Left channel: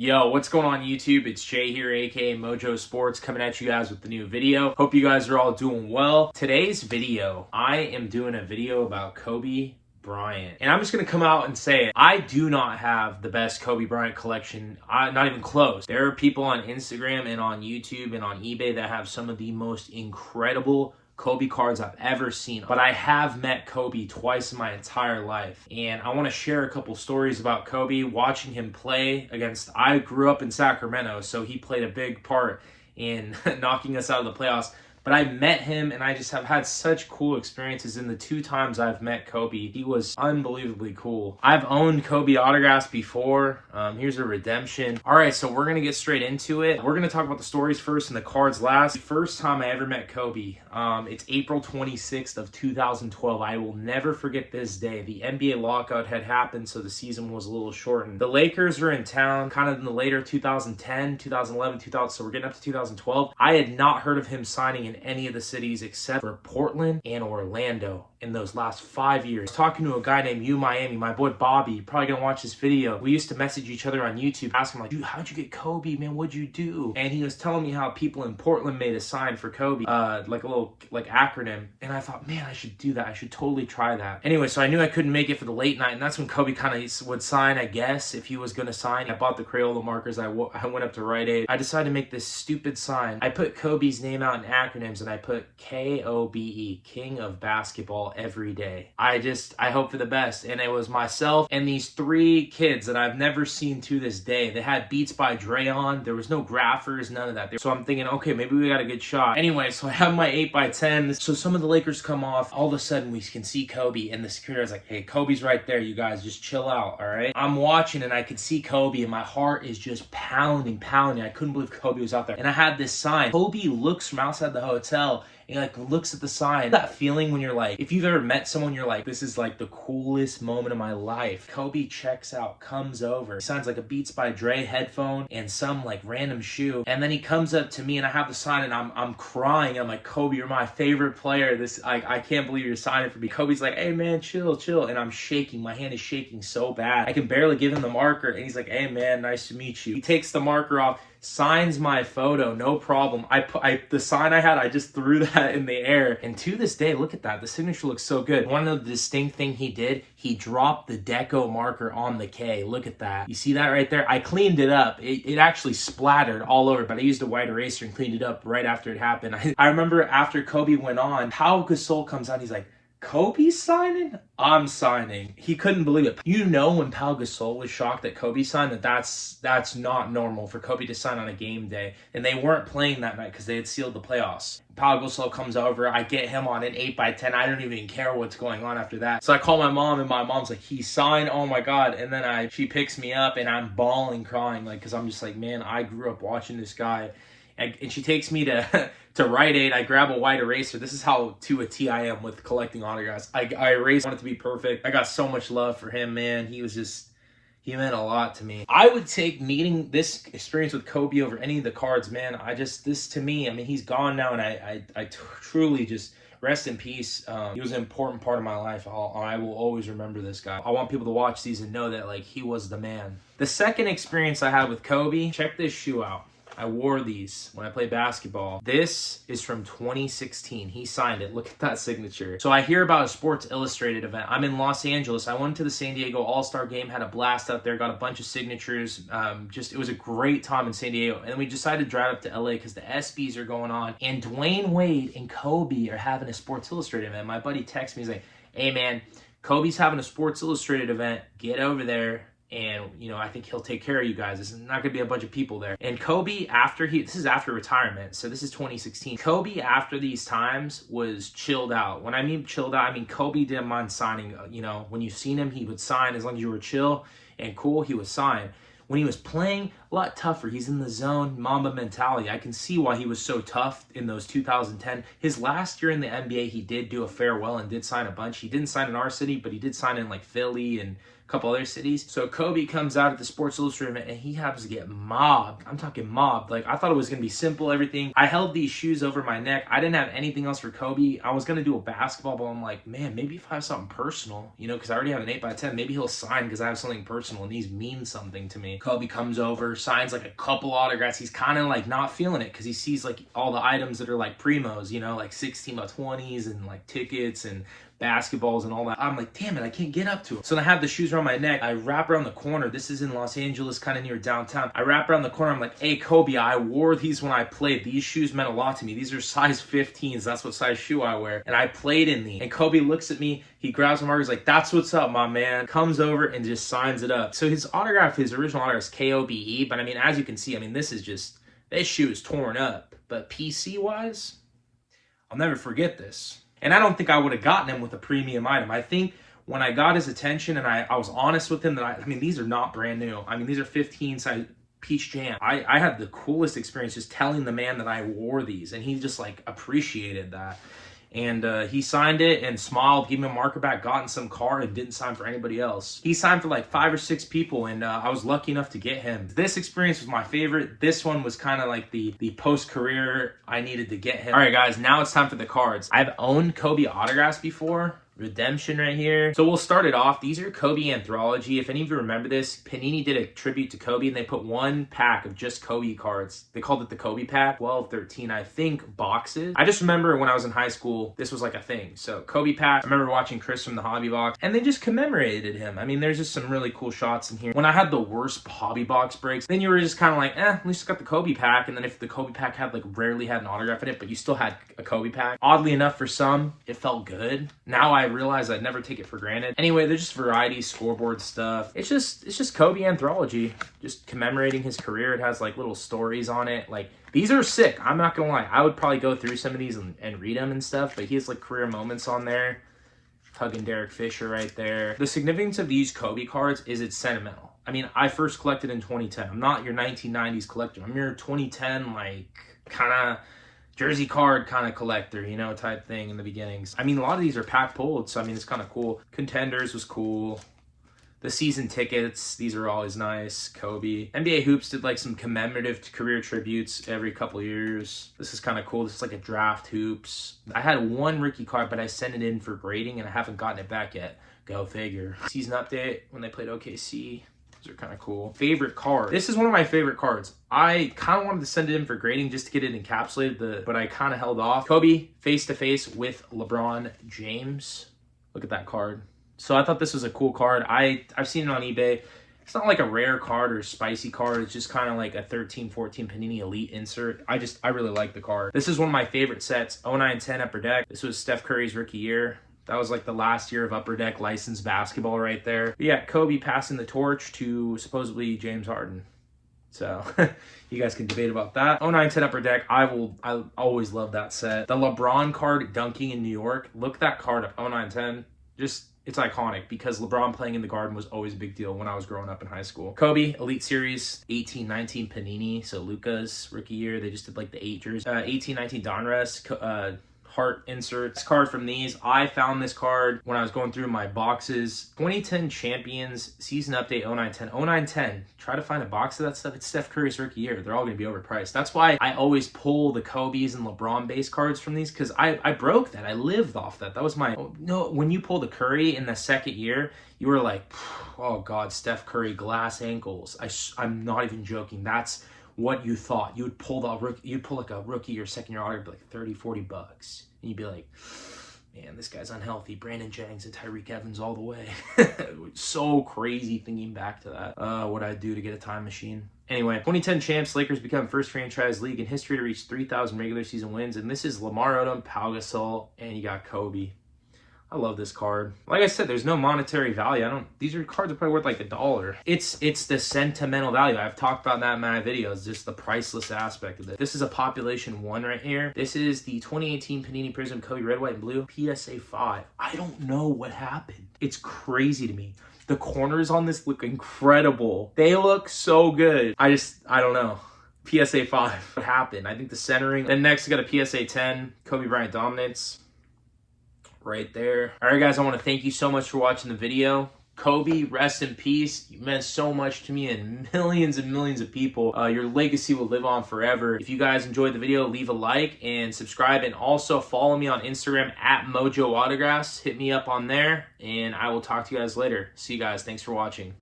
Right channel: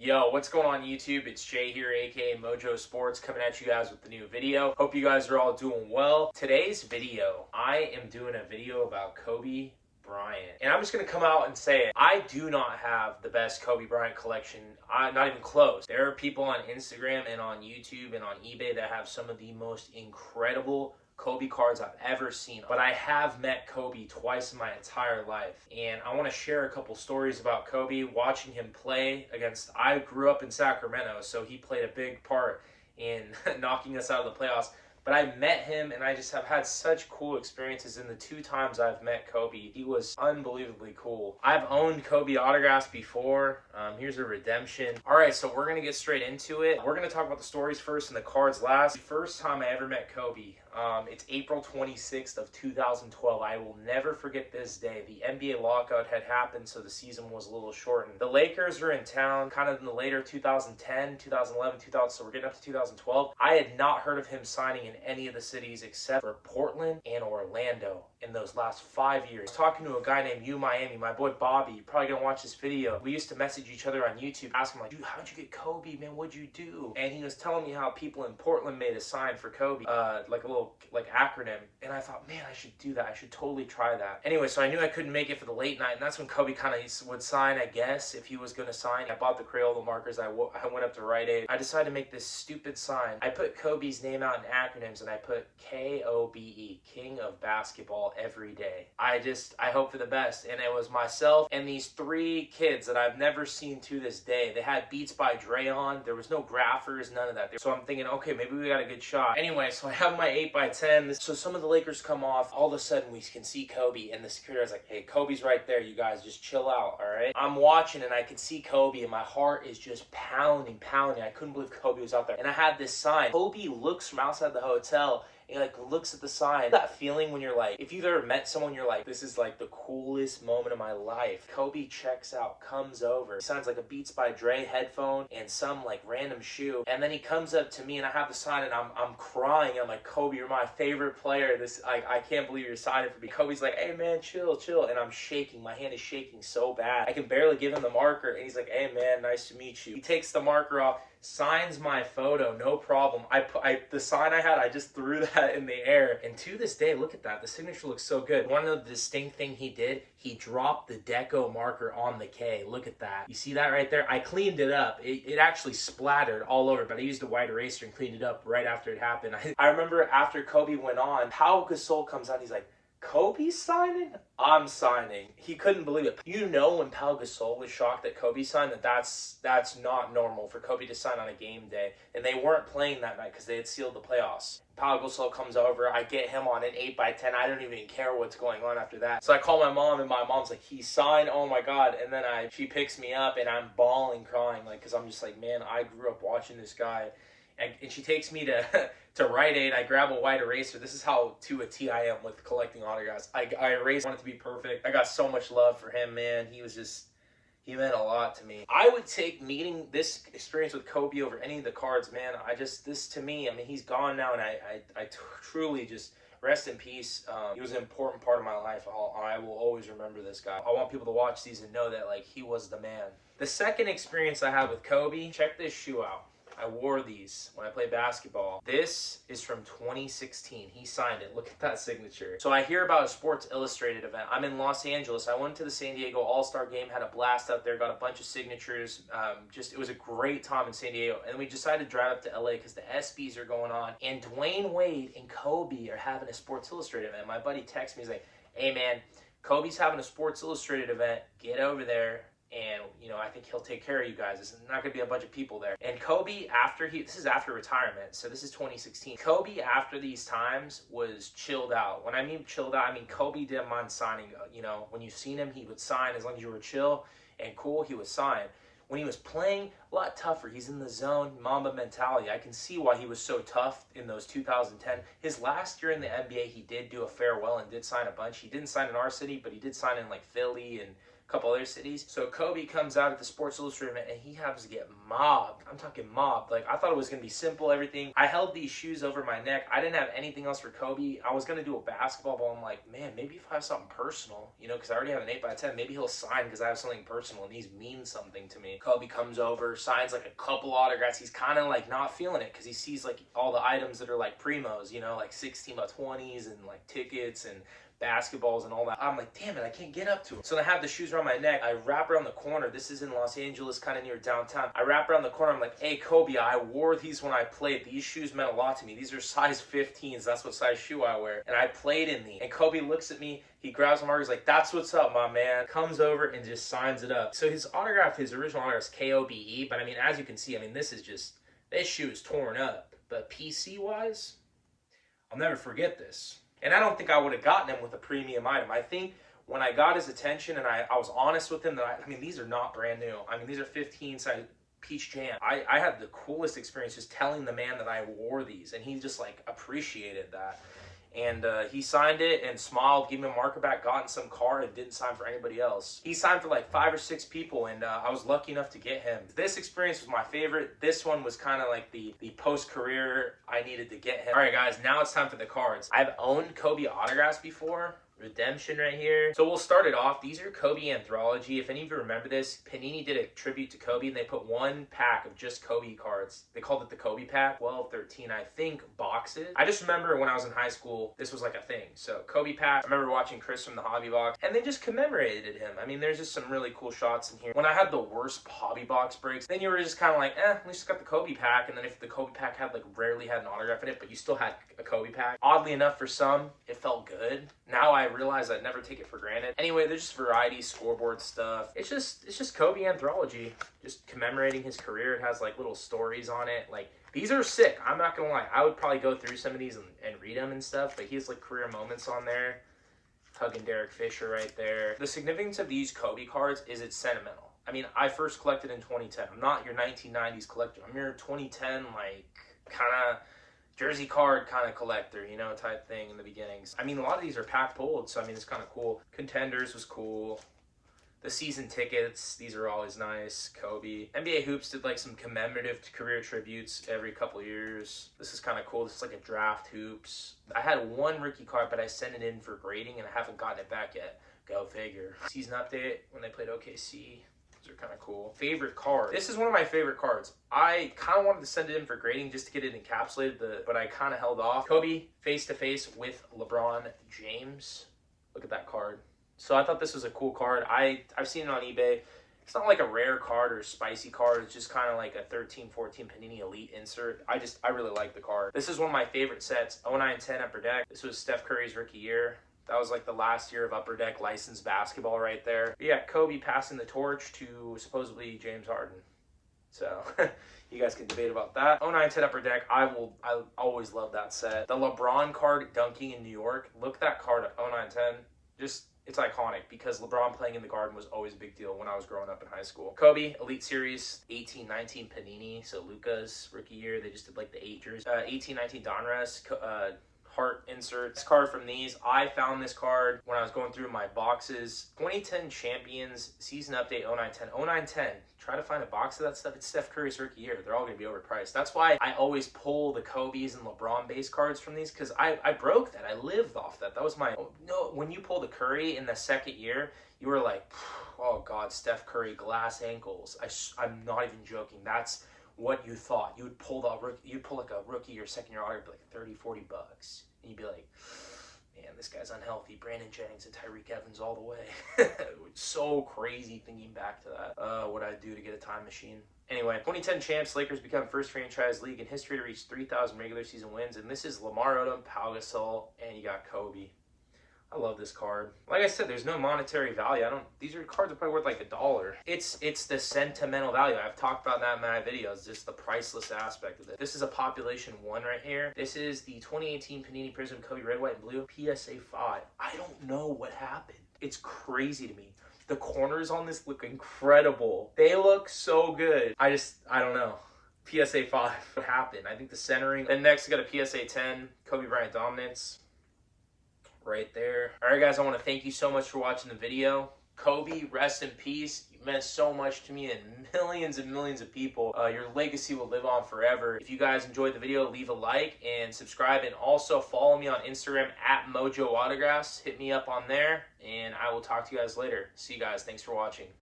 Yo, what's going on YouTube? It's Jay here, aka Mojo Sports, coming at you guys with the new video. Hope you guys are all doing well. Today's video, I am doing a video about Kobe Bryant. And I'm just going to come out and say it. I do not have the best Kobe Bryant collection, not even close. There are people on Instagram and on YouTube and on eBay that have some of the most incredible Kobe cards I've ever seen, but I have met Kobe twice in my entire life, and I want to share a couple stories about Kobe, watching him play against. I grew up in Sacramento, so he played a big part in knocking us out of the playoffs. But I met him, and I just have had such cool experiences in the two times I've met Kobe. He was unbelievably cool. I've owned Kobe autographs before. Here's a redemption. All right, so we're going to get straight into it. We're going to talk about the stories first and the cards last. The first time I ever met Kobe, it's April 26th of 2012. I will never forget this day. The NBA lockout had happened, so the season was a little shortened. The Lakers were in town kind of in the later 2010, 2011, 2000, so we're getting up to 2012. I had not heard of him signing in any of the cities except for Portland and Orlando in those last 5 years. Talking to a guy named U Miami, my boy Bobby, you're probably gonna watch this video. We used to message each other on YouTube, asking him like, dude, how'd you get Kobe, man? What'd you do? And he was telling me how people in Portland made a sign for Kobe, like a little acronym. And I thought, man, I should do that. I should totally try that. Anyway, so I knew I couldn't make it for the late night, and that's when Kobe kind of would sign, I guess, if he was gonna sign. I bought the Crayola markers. I went up to Rite Aid. I decided to make this stupid sign. I put Kobe's name out in acronyms, and I put KOBE, King of Basketball, every day. I hope for the best. And it was myself and these three kids that I've never seen to this day. They had Beats by Dre on. There was no graphers, none of that. So I'm thinking, okay, maybe we got a good shot. Anyway, so I have my 8x10. So some of the Lakers come off. All of a sudden, we can see Kobe, and the security is like, hey, Kobe's right there, you guys. Just chill out, all right? I'm watching, and I could see Kobe, and my heart is just pounding. I couldn't believe Kobe was out there. And I had this sign. Kobe looks from outside the hotel, and like looks at the sign. That feeling when you're like, if you've ever met someone, you're like, this is like the coolest moment of my life. Kobe checks out, comes over. He signs like a Beats by Dre headphone and some like random shoe. And then he comes up to me, and I have the sign, and I'm crying. I'm like, Kobe, you're my favorite player. I can't believe you're signing for me. Kobe's like, hey man, chill. And I'm shaking. My hand is shaking so bad. I can barely give him the marker. And he's like, hey man, nice to meet you. He takes the marker off, signs my photo, no problem. The sign I had, I just threw that in the air, and to this day, look at that. The signature looks so good. One of the distinct thing he did, he dropped the deco marker on the K. Look at that. You see that right there? I cleaned it up. It actually splattered all over, but I used a white eraser and cleaned it up right after it happened. I remember after Kobe went on, Pau Gasol comes out, he's like, Kobe's signing? I'm signing. He couldn't believe it. You know, when Pau Gasol was shocked that Kobe signed, that's not normal for Kobe to sign on a game day. And they weren't playing that night because they had sealed the playoffs. Pau Gasol comes over. I get him on an 8x10. I don't even care what's going on after that. So I call my mom, and my mom's like, he signed? Oh my God. And then she picks me up, and I'm bawling, crying, like, because I'm just like, man, I grew up watching this guy. And she takes me to Rite Aid. I grab a white eraser. This is how to a T I am with collecting autographs. I erased, wanted it to be perfect. I got so much love for him, man. He meant a lot to me. I would take meeting this experience with Kobe over any of the cards, man. This to me, I mean, he's gone now, and I truly just rest in peace. He was an important part of my life. I will always remember this guy. I want people to watch these and know that like he was the man. The second experience I had with Kobe, check this shoe out. I wore these when I played basketball. This is from 2016. He signed it. Look at that signature. So I hear about a Sports Illustrated event. I'm in Los Angeles. I went to the San Diego All-Star game, had a blast out there, got a bunch of signatures. It was a great time in San Diego. And then we decided to drive up to LA because the ESPYs are going on. And Dwayne Wade and Kobe are having a Sports Illustrated event. My buddy texts me, he's like, hey man, Kobe's having a Sports Illustrated event. Get over there. And, you know, I think he'll take care of you guys. There's not going to be a bunch of people there. And Kobe, this is after retirement, so this is 2016. Kobe, after these times, was chilled out. When I mean chilled out, I mean Kobe didn't mind signing. You know, when you've seen him, he would sign. As long as you were chill and cool, he would sign. When he was playing, a lot tougher. He's in the zone, Mamba mentality. I can see why he was so tough in those 2010. His last year in the NBA, he did do a farewell and did sign a bunch. He didn't sign in our city, but he did sign in like Philly and couple other cities. So Kobe comes out at the Sports Illustrated event and he happens to get mobbed. I'm talking mobbed. Like, I thought it was going to be simple, everything. I held these shoes over my neck. I didn't have anything else for Kobe. I was going to do a basketball, but I'm like, man, maybe if I have something personal, you know, because I already have an 8x10, maybe he'll sign because I have something personal and these mean something to me. Kobe comes over, signs like a couple autographs. He's kind of like not feeling it because he sees like all the items that are like primos, you know, like 16x20s and like tickets and basketballs and all that. I'm like, damn it, I can't get up to it. So I have the shoes around my neck. I wrap around the corner. This is in Los Angeles, kind of near downtown. I wrap around the corner. I'm like, hey, Kobe, I wore these when I played. These shoes meant a lot to me. These are size 15s. That's what size shoe I wear. And I played in these. And Kobe looks at me. He grabs my marker. He's like, that's what's up, my man. Comes over and just signs it up. So his autograph, his original autograph is Kobe. But I mean, as you can see, I mean, this shoe is torn up. But PC-wise, I'll never forget this. And I don't think I would have gotten him with a premium item. I think when I got his attention and I was honest with him that I mean, these are not brand new. I mean, these are 15 size Peach Jam. I had the coolest experience just telling the man that I wore these, and he just like appreciated that. And he signed it and smiled, gave me a marker back, got in some car, and didn't sign for anybody else. He signed for like 5 or 6 people, and I was lucky enough to get him. This experience was my favorite. This one was kind of like the post-career I needed to get him. All right, guys, now it's time for the cards. I've owned Kobe autographs before. Redemption right here. So we'll start it off. These are Kobe Anthology. If any of you remember this, Panini did a tribute to Kobe and they put one pack of just Kobe cards. They called it the Kobe pack. 12, 13, I think, boxes. I just remember when I was in high school, this was like a thing. So Kobe pack. I remember watching Chris from the Hobby Box and they just commemorated him. I mean, there's just some really cool shots in here. When I had the worst Hobby Box breaks, then you were just kind of like, at least got the Kobe pack. And then if the Kobe pack had like rarely had an autograph in it, but you still had a Kobe pack. Oddly enough, for some, it felt good. Now I realize I'd never take it for granted. Anyway, there's just variety, scoreboard stuff. It's just Kobe Anthology, just commemorating his career. It has like little stories on it. Like, these are sick. I'm not gonna lie. I would probably go through some of these and read them and stuff, but he has like career moments on there. Hugging Derek Fisher right there. The significance of these Kobe cards is it's sentimental. I mean, I first collected in 2010. I'm not your 1990s collector. I'm your 2010, like, kind of jersey card kind of collector, you know, type thing in the beginnings. I mean, a lot of these are pack pulled, so I mean, it's kind of cool. Contenders was cool. The season tickets, these are always nice. Kobe. NBA Hoops did like some commemorative career tributes every couple years. This is kind of cool. This is like a draft Hoops. I had one rookie card, but I sent it in for grading and I haven't gotten it back yet. Go figure. Season update when they played OKC. Those are kind of cool. Favorite card. This is one of my favorite cards. I kind of wanted to send it in for grading just to get it encapsulated, but I kind of held off. Kobe face-to-face with LeBron James. Look at that card. So I thought this was a cool card. I've seen it on eBay. It's not like a rare card or spicy card. It's just kind of like a 13-14 Panini Elite insert. I really like the card. This is one of my favorite sets. 09-10 Upper Deck. This was Steph Curry's rookie year. That was like the last year of Upper Deck licensed basketball right there. But yeah, Kobe passing the torch to supposedly James Harden. So you guys can debate about that. 09-10 Upper Deck. I always love that set. The LeBron card dunking in New York. Look that card up. 09-10. Just, it's iconic because LeBron playing in the Garden was always a big deal when I was growing up in high school. Kobe Elite Series 18-19 Panini. So Luka's rookie year. They just did like the 8 jerseys. 18-19 Donruss. Heart inserts. Card from these. I found this card when I was going through my boxes. 2010 Champions Season Update 09-10. 09-10. Try to find a box of that stuff. It's Steph Curry's rookie year. They're all going to be overpriced. That's why I always pull the Kobe's and LeBron base cards from these because I broke that. I lived off that. That was my... No, when you pull the Curry in the second year, you were like, oh God, Steph Curry, glass ankles. I'm not even joking. That's what you thought. You would pull like a rookie or second year autograph, like 30, 40 bucks. And you'd be like, man, this guy's unhealthy. Brandon Jennings and Tyreek Evans all the way. So crazy thinking back to that. What I'd do to get a time machine. Anyway, 2010 champs, Lakers become first franchise league in history to reach 3,000 regular season wins. And this is Lamar Odom, Pau Gasol, and you got Kobe. I love this card. Like I said, there's no monetary value. These cards are probably worth like $1. It's the sentimental value. I've talked about that in my videos, just the priceless aspect of it. This is a population 1 right here. This is the 2018 Panini Prism Kobe Red, White, and Blue PSA 5. I don't know what happened. It's crazy to me. The corners on this look incredible. They look so good. I don't know. PSA 5. What happened? I think the centering. Then next, we got a PSA 10 Kobe Bryant Dominance. Right there. All right, guys, I want to thank you so much for watching the video. Kobe, rest in peace. You meant so much to me and millions of people. Your legacy will live on forever. If you guys enjoyed the video, leave a like and subscribe, and also follow me on Instagram at Mojo Autographs. Hit me up on there, and I will talk to you guys later. See you guys. Thanks for watching.